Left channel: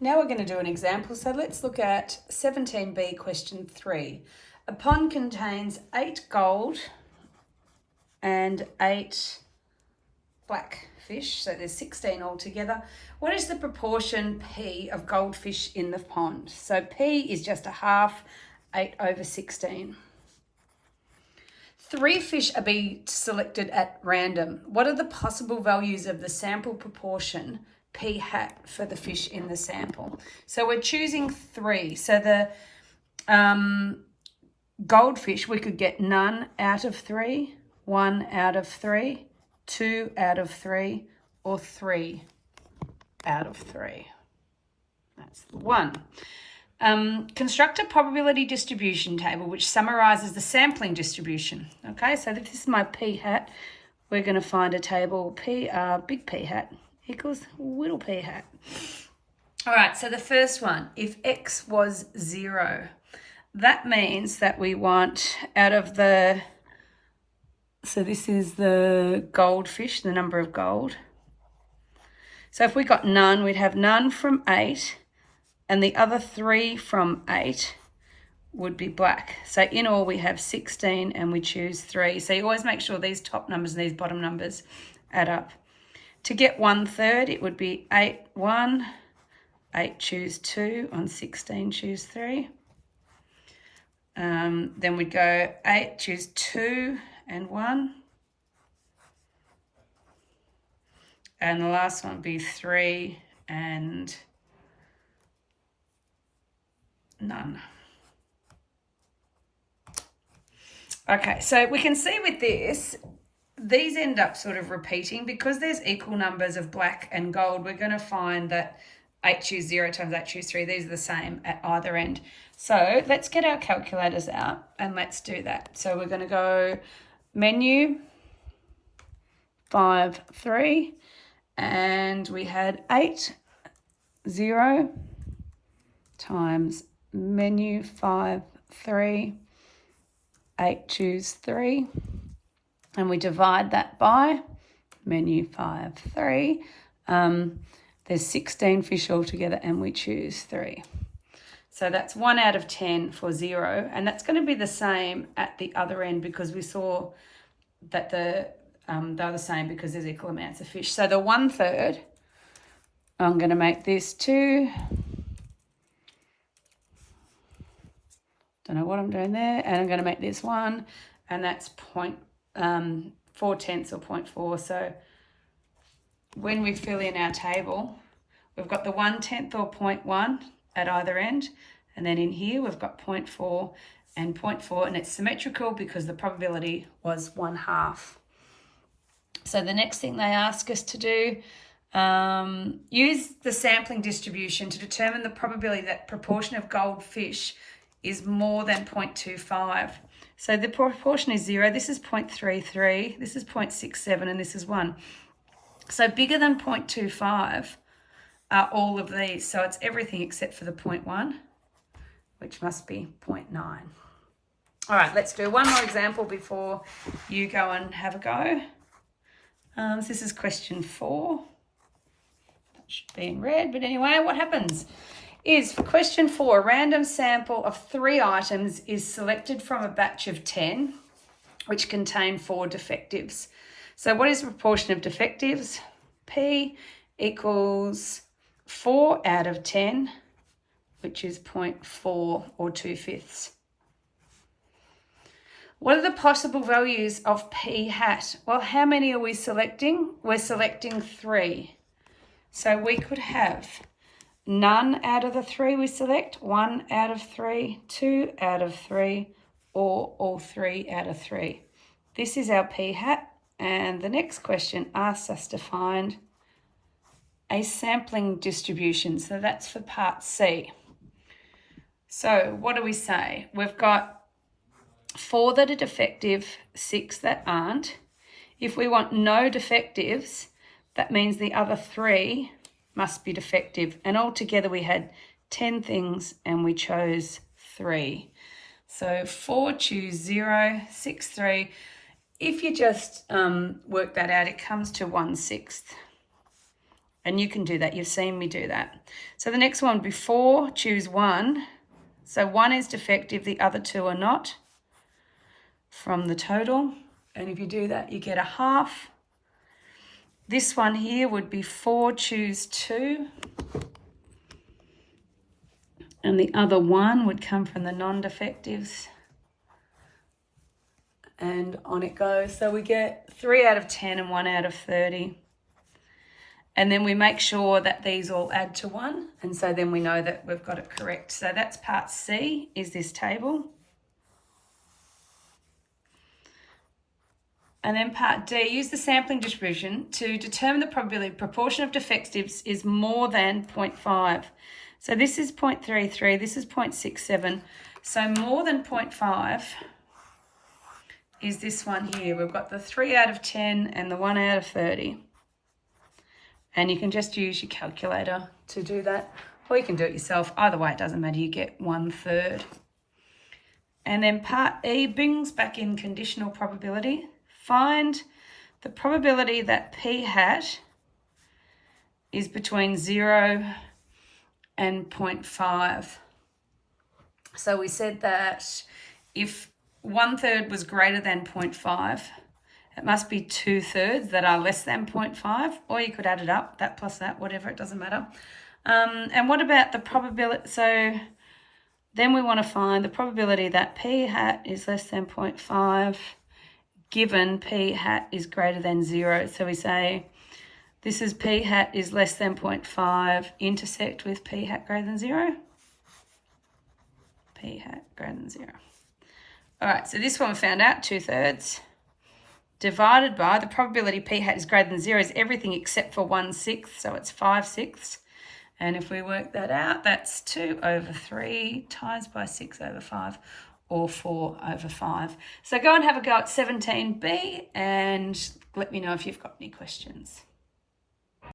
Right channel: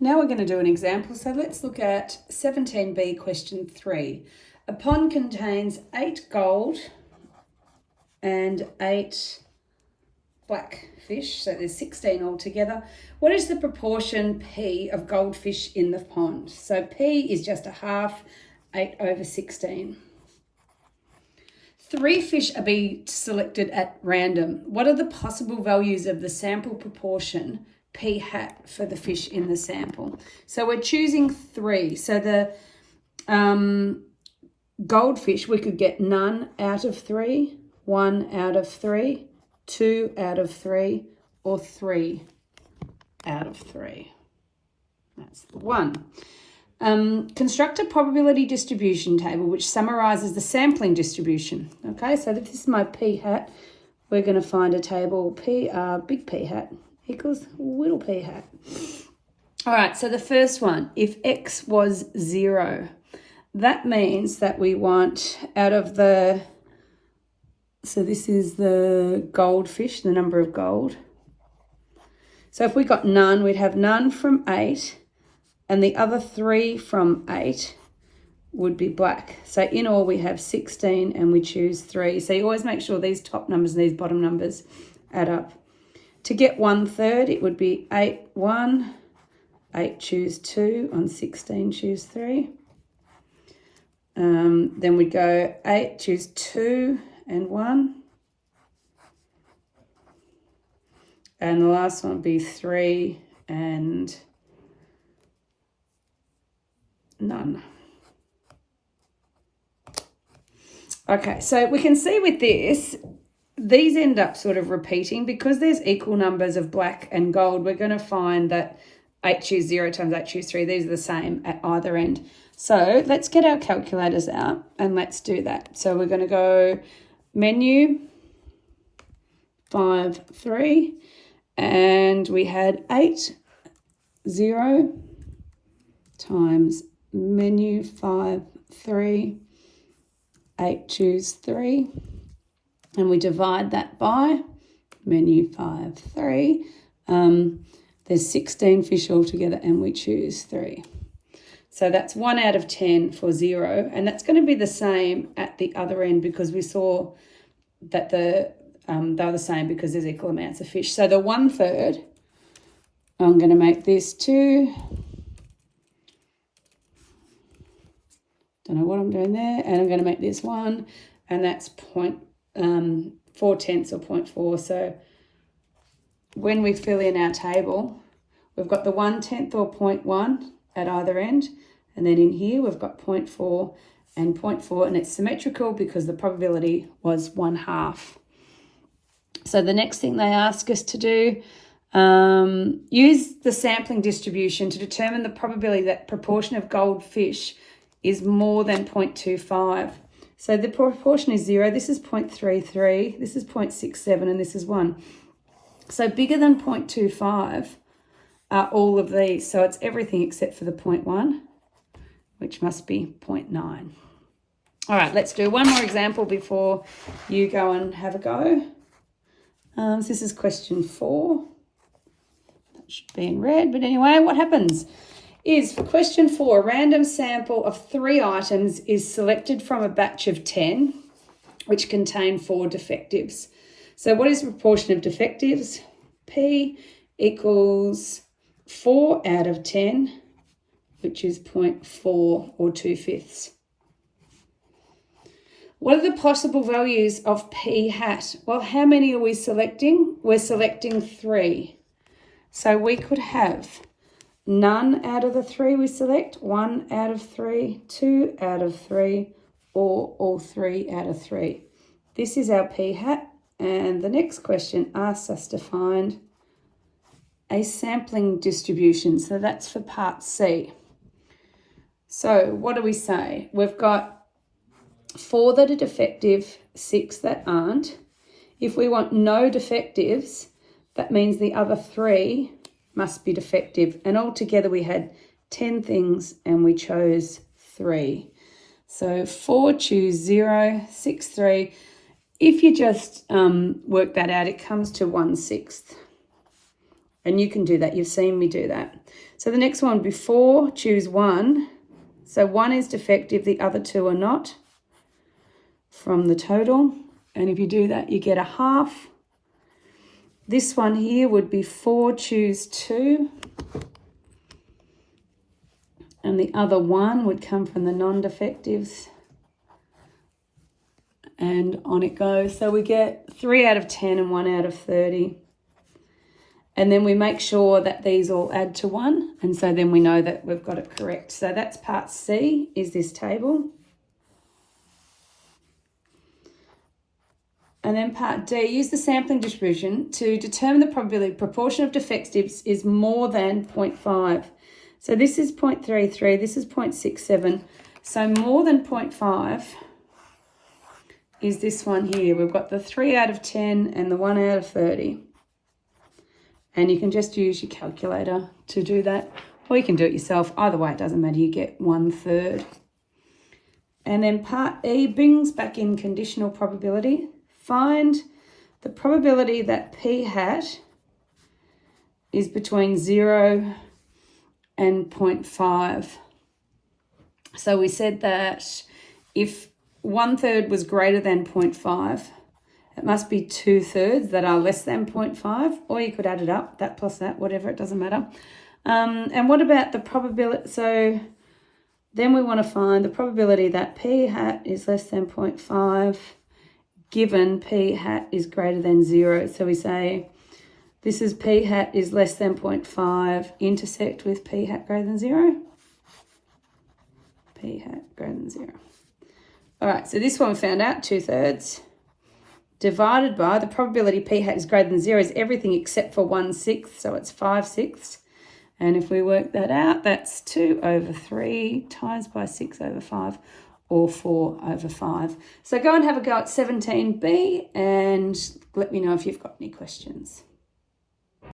Now we're going to do an example. So let's look at 17B question 3. A pond contains 8 gold and 8 black fish, so there's 16 altogether. What is the proportion P of goldfish in the pond? So P is just a half, 8 over 16. 3 fish are being selected at random. What are the possible values of the sample proportion P hat for the fish in the sample? So we're choosing 3. So the goldfish, we could get none out of 3, 1 out of 3, 2 out of 3, or 3 out of 3. That's the one. Construct a probability distribution table which summarizes the sampling distribution. Okay, so this is my P hat. We're going to find a table big P hat equals little P hat. All right, so the first one, if X was 0, that means that we want out of the, so this is the goldfish, the number of gold. So if we got none, we'd have none from 8, and the other 3 from 8 would be black. So in all we have 16 and we choose 3. So you always make sure these top numbers and these bottom numbers add up. To get 1/3, it would be 8, 1, 8 choose 2, on 16 choose 3. Then we'd go 8 choose 2 and 1. And the last one would be 3 and none. Okay, so we can see with this, these end up sort of repeating because there's equal numbers of black and gold. We're going to find that 8 choose 0 times 8 choose 3, these are the same at either end. So let's get our calculators out and let's do that. So we're going to go menu 5, 3, and we had 8, 0 times menu 5, 3, 8 choose 3, and we divide that by menu 5, 3. There's 16 fish altogether and we choose 3. So that's 1 out of 10 for 0, and that's going to be the same at the other end because we saw that they're the same because there's equal amounts of fish. So the 1/3, I'm going to make this 2. Don't know what I'm doing there, and I'm going to make this 1, and that's 4/10 or 0.4. So when we fill in our table, we've got the 1/10 or 0.1 at either end, and then in here we've got 0.4 and 0.4, and it's symmetrical because the probability was 1/2. So the next thing they ask us to do, use the sampling distribution to determine the probability that proportion of goldfish is more than 0.25. So the proportion is 0, this is 0.33, this is 0.67, and this is 1. So bigger than 0.25 are all of these. So it's everything except for the 0.1, which must be 0.9. All right, let's do one more example before you go and have a go. This is question 4. That should be in red, but anyway, what happens is for question 4, a random sample of 3 items is selected from a batch of 10, which contain 4 defectives. So what is the proportion of defectives? P equals 4 out of 10, which is 0.4 or 2/5. What are the possible values of P hat? Well, how many are we selecting? We're selecting 3. So we could have none out of the 3 we select, 1 out of 3, 2 out of 3, or all 3 out of 3. This is our P hat, and the next question asks us to find a sampling distribution. So that's for part C. So what do we say? We've got 4 that are defective, 6 that aren't. If we want no defectives, that means the other 3 must be defective. And altogether we had 10 things and we chose 3. So 4 choose 0, 6, 3. If you just work that out, it comes to 1/6. And you can do that. You've seen me do that. So the next one, before, choose 1. So 1 is defective, the other 2 are not, from the total. And if you do that, you get a half. This one here would be 4, choose 2. And the other 1 would come from the non-defectives. And on it goes. So we get 3 out of 10 and 1 out of 30. And then we make sure that these all add to 1. And so then we know that we've got it correct. So that's part C, is this table. And then part D, use the sampling distribution to determine the probability proportion of defectives is more than 0.5. So this is 0.33, this is 0.67. So more than 0.5 is this one here. We've got the 3 out of 10 and the 1 out of 30. And you can just use your calculator to do that. Or you can do it yourself. Either way, it doesn't matter. You get 1/3. And then part E brings back in conditional probability. Find the probability that P hat is between 0 and 0.5. So we said that if 1/3 was greater than 0.5, it must be 2/3 that are less than 0.5, or you could add it up, that plus that, whatever, it doesn't matter. And what about the probability? So then we want to find the probability that P hat is less than 0.5 given P hat is greater than 0. So we say this is P hat is less than 0.5 intersect with P hat greater than 0. P hat greater than 0. All right, so this one we found out, 2/3. Divided by the probability P hat is greater than 0 is everything except for 1/6, so it's 5/6. And if we work that out, that's 2/3 times by 6/5, or 4/5. So go and have a go at 17B and let me know if you've got any questions.